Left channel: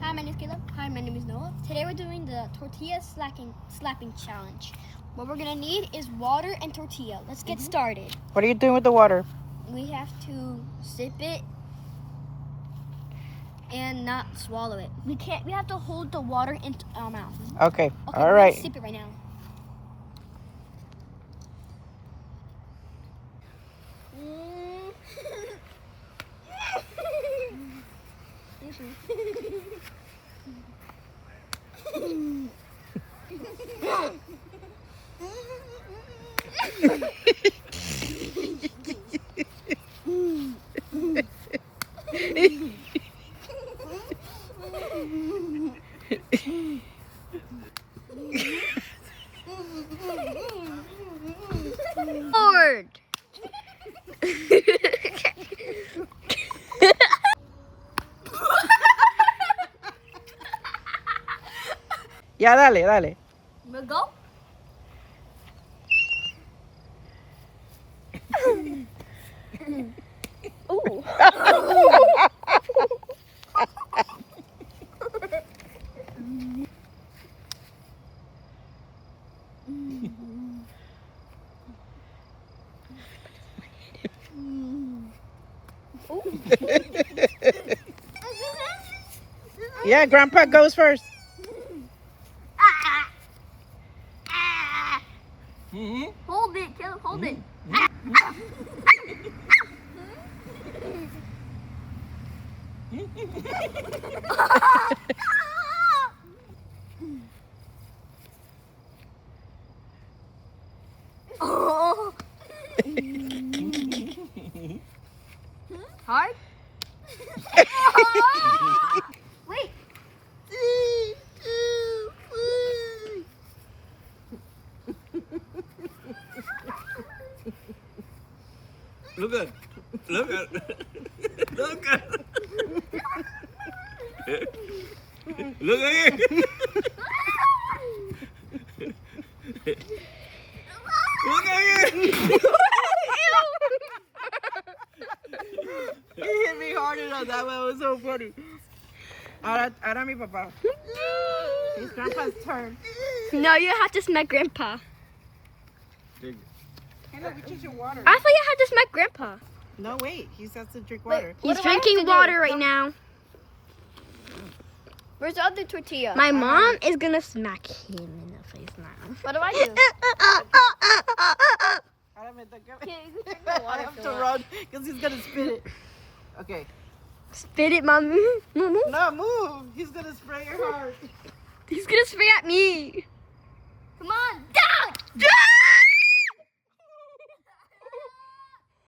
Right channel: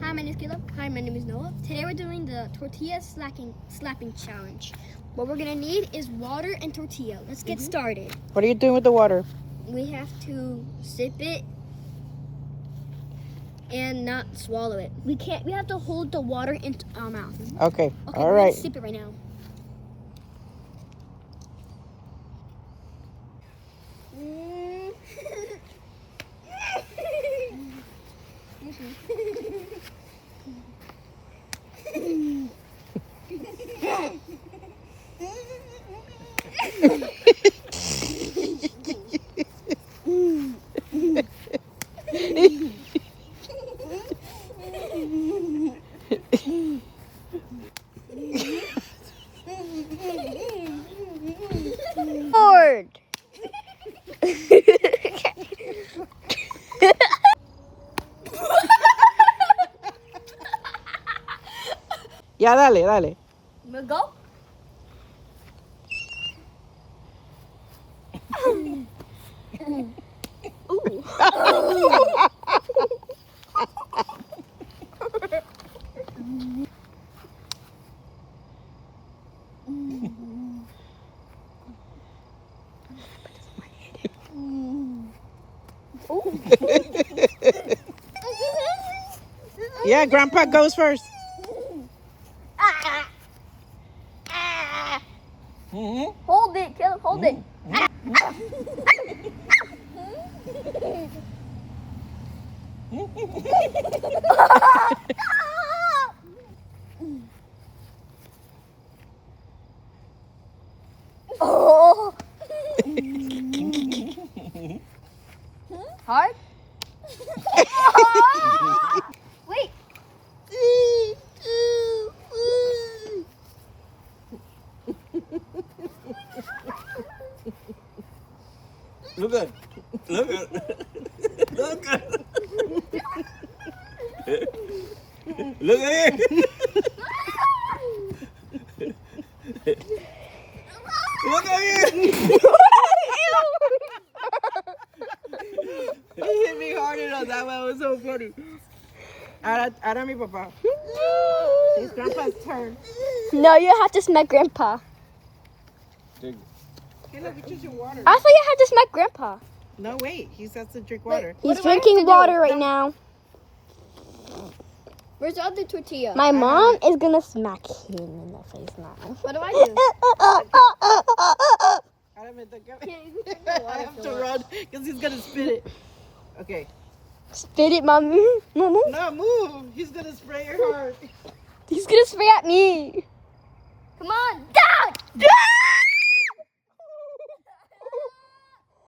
Hi, my name is Caleb. Hi, my name is Noah. Today we're doing the tortilla slapping challenge. What we're gonna need is water and tortilla. Let's get started. What are you doing with the water? We have to sip it and not swallow it. We have to hold the water in our mouth. Okay. Okay, All we're right. gonna sip it right now. Lord. Ya, dale, dale. We'll go. Ooh. Yeah, Grandpa goes first. Hold it, Caleb, hold it. Oh. Hard? Wait. Look at, look at, look at, look at it. Look at it. He hit me hard enough. That one was so funny. Ahora mi papá. It's Grandpa's turn. No, you have to smack Grandpa. Take Hey, look, it's just your water. I thought you had to smack Grandpa. No, wait. He has to drink water. He's drinking water right now. Where's the other tortilla? My mom is gonna smack him in the face now. What do I do? Ahora me toca. I have to run because he's going to spit it. Okay. Spit it, mommy. Move. No, move. He's going to spray your heart. He's gonna spray at me. Come on, down!